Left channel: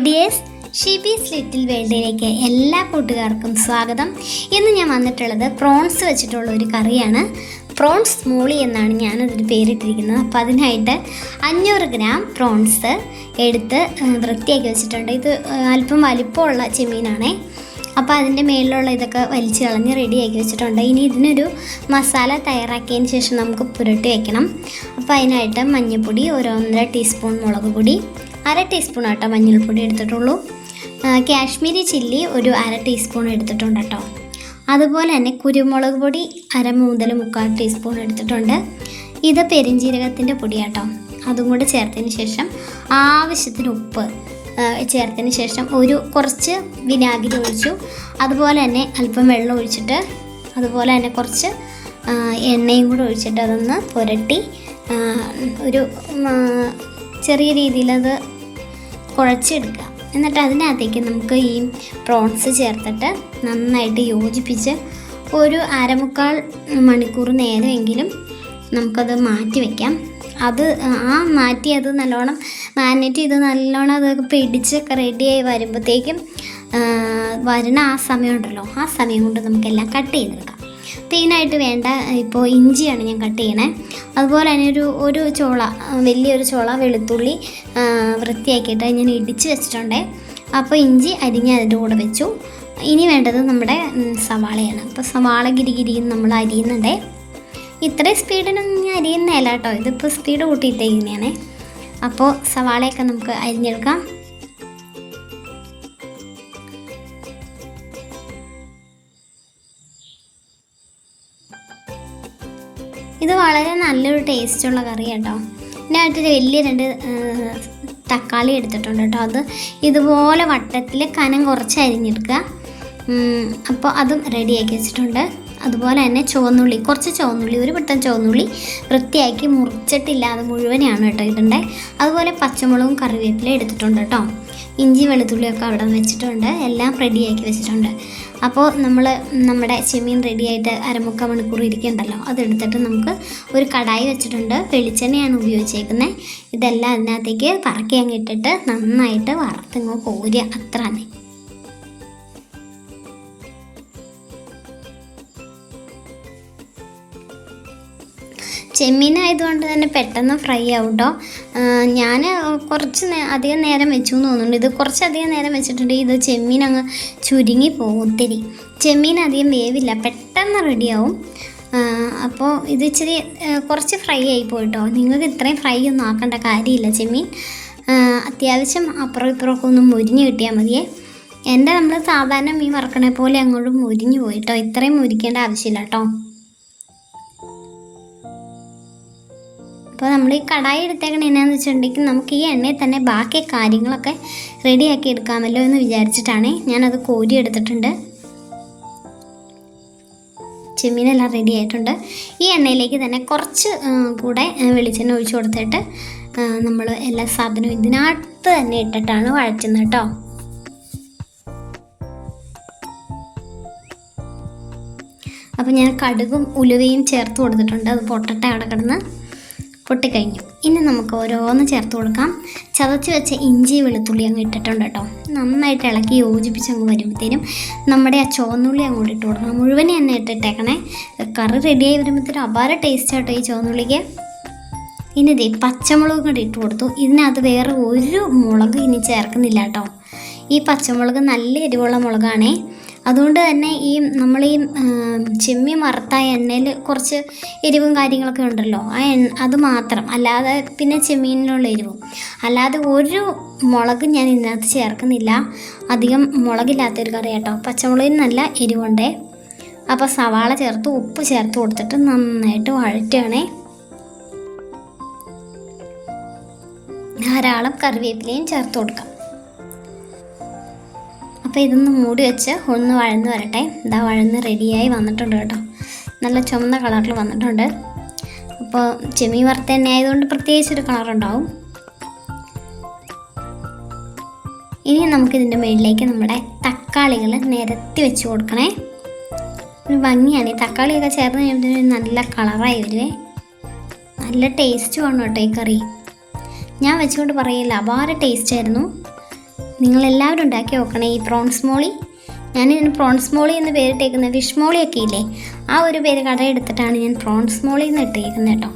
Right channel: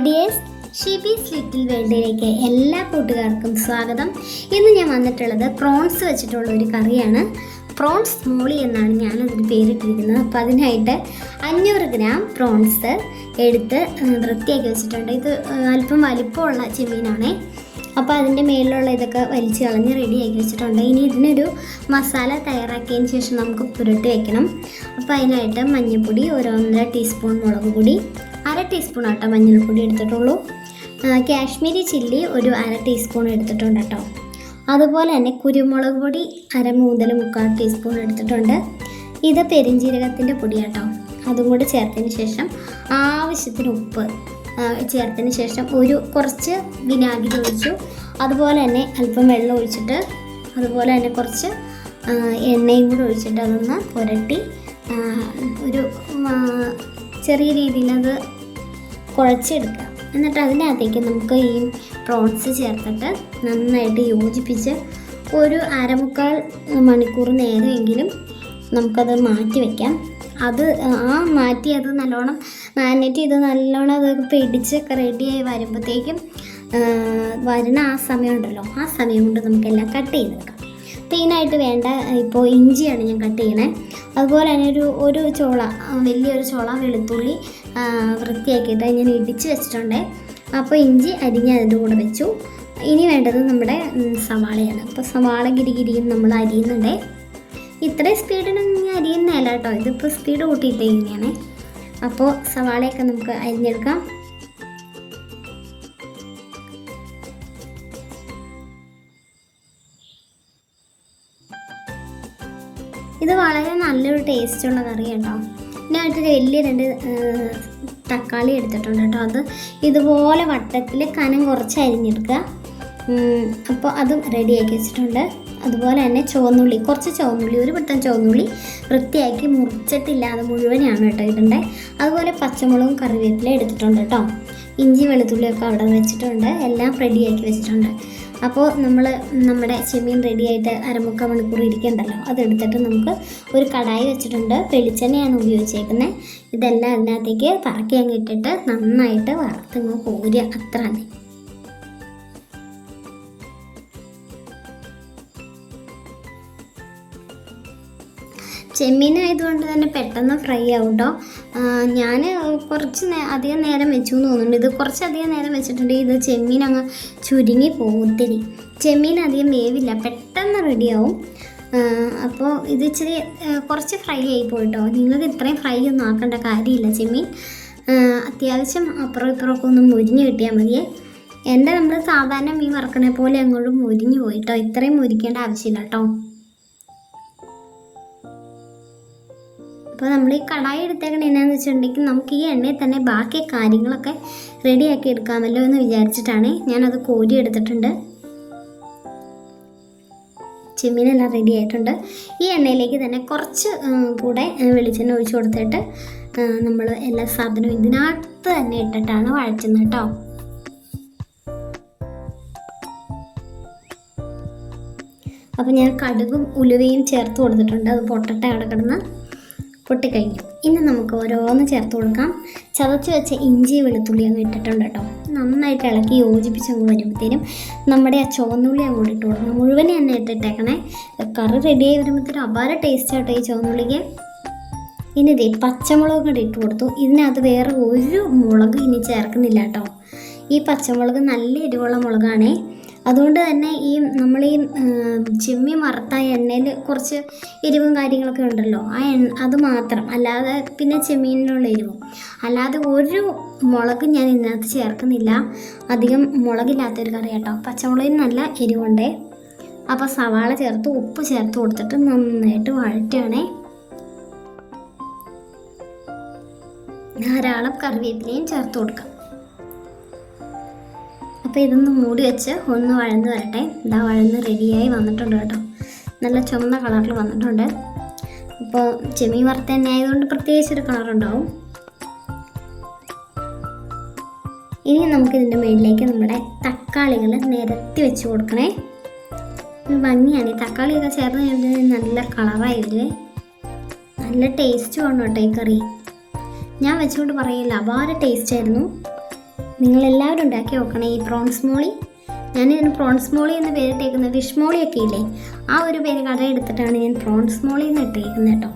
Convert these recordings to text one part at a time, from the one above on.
Hi dears, Shibi's little വേൾഡിലേക്ക് എല്ലാ കൂട്ടുകാർക്കും സ്വാഗതം. ഇന്ന് ഞാൻ വന്നിട്ടുള്ളത് പ്രോൺസ് വെച്ചിട്ടുള്ള ഒരു കറിയാണ്. പ്രോൺസ് മോളി എന്നാണ് ഞാനതിന് പേരിട്ടിരിക്കുന്നത്. അപ്പോൾ അതിനായിട്ട് 500 ഗ്രാം പ്രോൺസ് എടുത്ത് വൃത്തിയാക്കി വെച്ചിട്ടുണ്ട്. ഇത് അല്പം വലിപ്പമുള്ള ചെമ്മീനാണേ. അപ്പോൾ അതിൻ്റെ മേളിലുള്ള ഇതൊക്കെ വലിച്ച് കളഞ്ഞ് റെഡിയാക്കി വെച്ചിട്ടുണ്ട്. ഇനി ഇതിനൊരു മസാല തയ്യാറാക്കിയതിന് ശേഷം നമുക്ക് പുരട്ടി വയ്ക്കണം. അപ്പോൾ അതിനായിട്ട് മഞ്ഞൾപ്പൊടി 1.5 ടീസ്പൂൺ, മുളക് പൊടി 1/2 ടീസ്പൂൺ ആട്ടോ മഞ്ഞൾപ്പൊടി എടുത്തിട്ടുള്ളൂ. കാശ്മീരി ചില്ലി 1/2 ടീസ്പൂൺ എടുത്തിട്ടുണ്ട് കേട്ടോ. അതുപോലെ തന്നെ കുരുമുളക് പൊടി 1/2-3/4 ടീസ്പൂൺ എടുത്തിട്ടുണ്ട്. ഇത് പെരിഞ്ജീരകത്തിൻ്റെ പൊടിയാട്ടോ. അതും കൂടെ ചേർത്തതിന് ശേഷം ആവശ്യത്തിന് ഉപ്പ് ചേർത്തതിന് ശേഷം കുറച്ച് വിനാഗിരി ഒഴിച്ചു. അതുപോലെ തന്നെ അല്പം വെള്ളം ഒഴിച്ചിട്ട് അതുപോലെ തന്നെ കുറച്ച് എണ്ണയും കൂടെ ഒഴിച്ചിട്ട് അതൊന്ന് പുരട്ടി ഒരു ചെറിയ രീതിയിലത് കുഴച്ചെടുക്കുക. എന്നിട്ട് അതിനകത്തേക്ക് നമുക്ക് ഈ പ്രോൺസ് ചേർത്തിട്ട് നന്നായിട്ട് യോജിപ്പിച്ച് ഒരു 1/4 മണിക്കൂർ നേരമെങ്കിലും നമുക്കത് മാറ്റി വയ്ക്കാം. അത് മാറ്റി അത് നല്ലോണം മാരിനേറ്റ് ചെയ്ത് നല്ലോണം അതൊക്കെ പിടിച്ച് റെഡിയായി വരുമ്പോഴത്തേക്കും വരുന്ന ആ സമയം ഉണ്ടല്ലോ, ആ സമയം കൊണ്ട് നമുക്കെല്ലാം കട്ട് ചെയ്തെടുക്കാം. മെയിനായിട്ട് വേണ്ട ഇപ്പോൾ ഇഞ്ചിയാണ് ഞാൻ കട്ട് ചെയ്യണേ. അതുപോലെ തന്നെ ഒരു ചോള, വലിയൊരു ചോള വെളുത്തുള്ളി വൃത്തിയാക്കിയിട്ട് ഞാൻ ഇടിച്ച് വെച്ചിട്ടുണ്ടേ. അപ്പോൾ ഇഞ്ചി അരിഞ്ഞ് അതിൻ്റെ കൂടെ വെച്ചു. ഇനി വേണ്ടത് നമ്മുടെ സവാളയാണ്. അപ്പോൾ സവാള ഗിരിഗിരിയും നമ്മൾ അരിയുന്നുണ്ടേ. ഇത്രയും സ്പീഡിനൊന്നും ഞാൻ അരിയുന്നതല്ല കേട്ടോ, ഇതിപ്പോൾ സ്പീഡ് കൂട്ടിയിട്ടേക്കുന്നതാണ്. അപ്പോൾ സവാളയൊക്കെ നമുക്ക് അരിഞ്ഞെടുക്കാം. ഇത് വളരെ നല്ലൊരു ടേസ്റ്റുള്ള കറി കേട്ടോ. ഇതിനായിട്ട് വലിയ 2 തക്കാളി എടുത്തിട്ടുണ്ട് കേട്ടോ. അത് ഇതുപോലെ വട്ടത്തിൽ കനം കുറച്ച് അരിഞ്ഞെടുക്കുക. അപ്പോൾ അതും റെഡിയാക്കി വെച്ചിട്ടുണ്ട്. അതുപോലെ തന്നെ കുറച്ച് ചുവന്നുള്ളി, ഒരു പിടുത്തം ചുവന്നുള്ളി വൃത്തിയാക്കി മുറിച്ചിട്ടില്ലാതെ മുഴുവനാണ് കേട്ടോ ഇടണ്ടേ. അതുപോലെ പച്ചമുളകും കറിവേപ്പിലയും എടുത്തിട്ടുണ്ട് കേട്ടോ. ഇഞ്ചി വെളുത്തുള്ളിയൊക്കെ അവിടെ വെച്ചിട്ടുണ്ട്. എല്ലാം റെഡിയാക്കി വെച്ചിട്ടുണ്ട്. അപ്പോൾ നമ്മുടെ ചെമ്മീൻ റെഡിയായിട്ട് 1/4 മണിക്കൂർ ഇരിക്കണ്ടല്ലോ, അതെടുത്തിട്ട് നമുക്ക് ഒരു കടായി വെച്ചിട്ടുണ്ട്. വെളിച്ചെണ്ണയാണ് ഉപയോഗിച്ചേക്കുന്നത്. ഇതെല്ലാം അതിനകത്തേക്ക് പറക്കി അങ്ങ് ഇട്ടിട്ട് നന്നായിട്ട് വറുത്തിങ്ങ് കോരുക, അത്ര തന്നെ. ചെമ്മീനായതുകൊണ്ട് തന്നെ പെട്ടെന്ന് ഫ്രൈ ആവും കേട്ടോ. ഞാൻ അധികം നേരം വെച്ചു എന്ന് തോന്നുന്നുണ്ട്. ഇത് കുറച്ചധികം നേരം വെച്ചിട്ടുണ്ട്. ഇത് ചെമ്മീൻ അങ്ങ് ചുരുങ്ങി പോകും. ഒത്തിരി ചെമ്മീൻ അധികം വേവില്ല, പെട്ടെന്ന് റെഡിയാവും. അപ്പോൾ ഇത് ഇച്ചിരി കുറച്ച് ഫ്രൈ ആയി പോയിട്ടോ. നിങ്ങൾക്ക് ഇത്രയും ഫ്രൈ ഒന്നും ആക്കേണ്ട കാര്യമില്ല. ചെമ്മീൻ അത്യാവശ്യം അപ്പുറം ഇപ്പുറമൊക്കെ ഒന്ന് മുരിഞ്ഞ് കിട്ടിയാൽ മതിയേ. നമ്മൾ സാധാരണ മീൻ വറക്കണ പോലെ അങ്ങോട്ട് മുരിഞ്ഞ് പോയിട്ടോ. ഇത്രയും മുരിക്കേണ്ട ആവശ്യമില്ല കേട്ടോ. അപ്പോൾ നമ്മൾ ഈ കടായി എടുത്തേക്കണ എന്നാന്ന് വെച്ചിട്ടുണ്ടെങ്കിൽ നമുക്ക് ഈ എണ്ണയിൽ തന്നെ ബാക്കി കാര്യങ്ങളൊക്കെ റെഡിയാക്കി എടുക്കാമല്ലോ എന്ന് വിചാരിച്ചിട്ടാണ് ഞാനത് കോരി എടുത്തിട്ടുണ്ട്. ചെമ്മീനെല്ലാം റെഡി ആയിട്ടുണ്ട്. ഈ എണ്ണയിലേക്ക് തന്നെ കുറച്ച് കൂടെ വെളിച്ചെണ്ണ ഒഴിച്ച് കൊടുത്തിട്ട് നമ്മൾ എല്ലാ സാധനവും ഇതിനകത്ത് തന്നെ ഇട്ടിട്ടാണ് വഴറ്റുന്നത് കേട്ടോ. അപ്പോൾ ഞാൻ കടുകും ഉലുവയും ചേർത്ത് കൊടുത്തിട്ടുണ്ട്. അത് പൊട്ടട്ടെ, അവിടെ കിടന്ന് പൊട്ടിക്കഴിഞ്ഞു. ഇനി നമുക്ക് ഓരോന്ന് ചേർത്ത് കൊടുക്കാം. ചതച്ച് വെച്ച ഇഞ്ചി വെളുത്തുള്ളി അങ്ങ് ഇട്ടിട്ടുണ്ട് കേട്ടോ. നന്നായിട്ട് ഇളക്കി യോജിപ്പിച്ച് അങ്ങ് വരുമ്പോഴത്തേനും നമ്മുടെ ആ ചുവന്നുള്ളി അങ്ങോട്ട് ഇട്ട് കൊടുക്കണം. മുഴുവനെ തന്നെ ഇട്ടിട്ടേക്കണേ. കറി റെഡിയായി വരുമ്പോഴത്തേനും അപാര ടേസ്റ്റ് ആട്ടോ ഈ ചുവന്നുള്ളിക്ക്. ഇനി ഇതേ പച്ചമുളക് കൂടി ഇട്ട് കൊടുത്തു. ഇതിനകത്ത് വേറെ ഒരു മുളക് ഇനി ചേർക്കുന്നില്ല കേട്ടോ. ഈ പച്ചമുളക് നല്ല എരിവുള്ള മുളകാണേ. അതുകൊണ്ട് തന്നെ നമ്മൾ ഈ ചെമ്മീൻ വറുത്ത എണ്ണയിൽ കുറച്ച് എരിവും കാര്യങ്ങളൊക്കെ ഉണ്ടല്ലോ, അത് മാത്രം, അല്ലാതെ പിന്നെ ചെമ്മീനിലുള്ള എരിവും അല്ലാതെ ഒരു മുളക് ഞാൻ ഇതിനകത്ത് ചേർക്കുന്നില്ല. അധികം മുളകില്ലാത്തൊരു കറി കേട്ടോ. പച്ചമുളകിന് നല്ല എരിവുണ്ടേ. അപ്പോൾ സവാള ചേർത്ത് ഉപ്പ് ചേർത്ത് കൊടുത്തിട്ട് നന്നായിട്ട് വഴറ്റുകയാണേ. ധാരാളം കറിവേപ്പിലയും ചേർത്ത് കൊടുക്കാം. അപ്പോൾ ഇതൊന്ന് മൂടി വെച്ച് ഒന്ന് വഴന്ന് വരട്ടെ. ഇതാ വഴന്ന് റെഡിയായി വന്നിട്ടുണ്ട് കേട്ടോ. നല്ല ചുമന്ന കളറിൽ വന്നിട്ടുണ്ട്. അപ്പോൾ ചെമ്മീൻ വറുത്ത എണ്ണ ആയതുകൊണ്ട് പ്രത്യേകിച്ചൊരു കളറുണ്ടാവും. ഇനി നമുക്കിതിൻ്റെ മുകളിലേക്ക് നമ്മുടെ തക്കാളികൾ നിരത്തി വെച്ച് കൊടുക്കണേ. ഒരു ഭംഗിയാണ്. ഈ തക്കാളിയൊക്കെ ചേർന്ന് കഴിയുമ്പോൾ നല്ല കളറായി വരുവേ. നല്ല ടേസ്റ്റ് വേണം കേട്ടോ ഈ കറി. ഞാൻ വെച്ചുകൊണ്ട് പറയില്ല, അപാര ടേസ്റ്റ് ആയിരുന്നു. നിങ്ങളെല്ലാവരും ഉണ്ടാക്കി നോക്കണേ ഈ പ്രോൺസ് മോളി. ഞാനിതിന് പ്രോൺസ് മോളി എന്ന് പേരിട്ടേക്കുന്നത്. ഫിഷ് മോളിയൊക്കെ ഇല്ലേ, ആ ഒരു പേര് കടയെടുത്തിട്ടാണ് ഞാൻ പ്രോൺസ് മോളി എന്ന് ഇട്ടേക്കുന്നത് കേട്ടോ.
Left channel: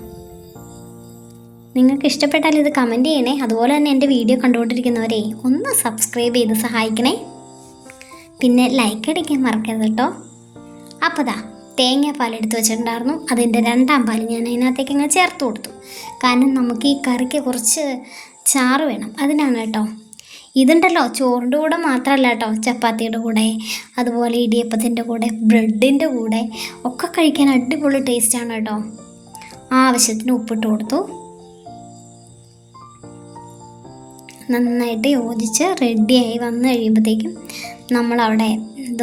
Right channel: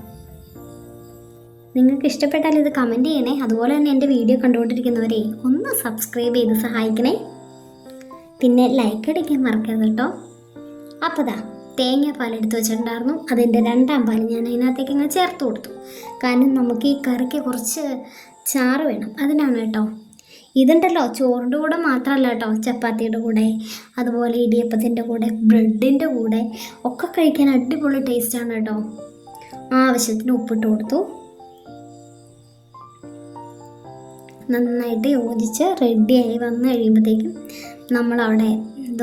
നിങ്ങൾക്ക് ഇഷ്ടപ്പെട്ടാൽ ഇത് കമൻറ്റ് ചെയ്യണേ. അതുപോലെ തന്നെ എൻ്റെ വീഡിയോ കണ്ടുകൊണ്ടിരിക്കുന്നവരെ ഒന്ന് സബ്സ്ക്രൈബ് ചെയ്ത് സഹായിക്കണേ. പിന്നെ ലൈക്ക് അടിക്കാൻ മറക്കരുത് കേട്ടോ. അപ്പോൾ തേങ്ങാപ്പാൽ എടുത്ത് വെച്ചിട്ടുണ്ടായിരുന്നു. അതിൻ്റെ 2ാം പാൽ ഞാൻ അതിനകത്തേക്ക് അങ്ങ് ചേർത്ത് കൊടുത്തു. കാരണം നമുക്ക് ഈ കറിക്ക് കുറച്ച് ചാറ് വേണം, അതിനാണ് കേട്ടോ. ഇതുണ്ടല്ലോ ചോറിൻ്റെ കൂടെ മാത്രമല്ല കേട്ടോ, ചപ്പാത്തിയുടെ കൂടെ, അതുപോലെ ഇടിയപ്പത്തിൻ്റെ കൂടെ, ബ്രെഡിൻ്റെ കൂടെ ഒക്കെ കഴിക്കാൻ അടിപൊളി ടേസ്റ്റാണ് കേട്ടോ. ആവശ്യത്തിന് ഉപ്പിട്ട് കൊടുത്തു. നന്നായിട്ട് യോജിച്ച് റെഡിയായി വന്നു കഴിയുമ്പോഴത്തേക്കും നമ്മളവിടെ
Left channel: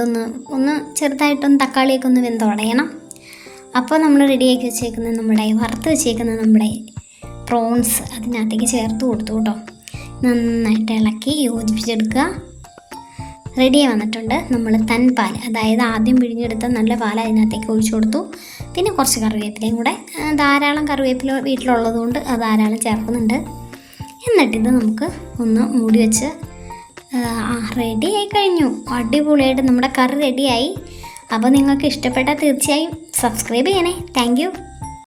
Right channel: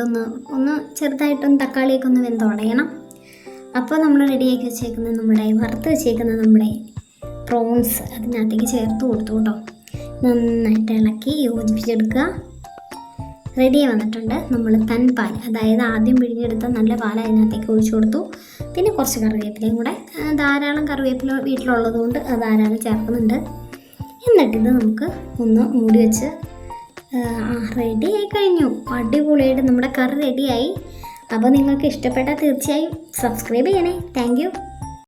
ഒന്ന് ചെറുതായിട്ടൊന്ന് തക്കാളിയൊക്കെ ഒന്ന് വെന്തുടയണം. അപ്പോൾ നമ്മൾ റെഡിയാക്കി വെച്ചേക്കുന്ന വറുത്ത് വെച്ചേക്കുന്ന പ്രോൺസ് അതിനകത്തേക്ക് ചേർത്ത് കൊടുത്തു കേട്ടോ. നന്നായിട്ട് ഇളക്കി യോജിപ്പിച്ചെടുക്കുക. റെഡിയായി വന്നിട്ടുണ്ട്. നമ്മൾ പാൽ, അതായത് ആദ്യം പിഴിഞ്ഞെടുത്ത നല്ല പാൽ അതിനകത്തേക്ക് ഒഴിച്ചു കൊടുത്തു. പിന്നെ കുറച്ച് കറിവേപ്പിലയും കൂടെ, ധാരാളം കറിവേപ്പില വീട്ടിലുള്ളത് കൊണ്ട് ധാരാളം ചേർക്കുന്നുണ്ട്. എന്നിട്ടിത് നമുക്ക് ഒന്ന് മൂടി വെച്ച് റെഡിയായി കഴിഞ്ഞു. അടിപൊളിയായിട്ട് നമ്മുടെ കറി റെഡിയായി. അപ്പോൾ നിങ്ങൾക്ക് ഇഷ്ടപ്പെട്ടാൽ തീർച്ചയായും സബ്സ്ക്രൈബ് ചെയ്യണേ. Thank you.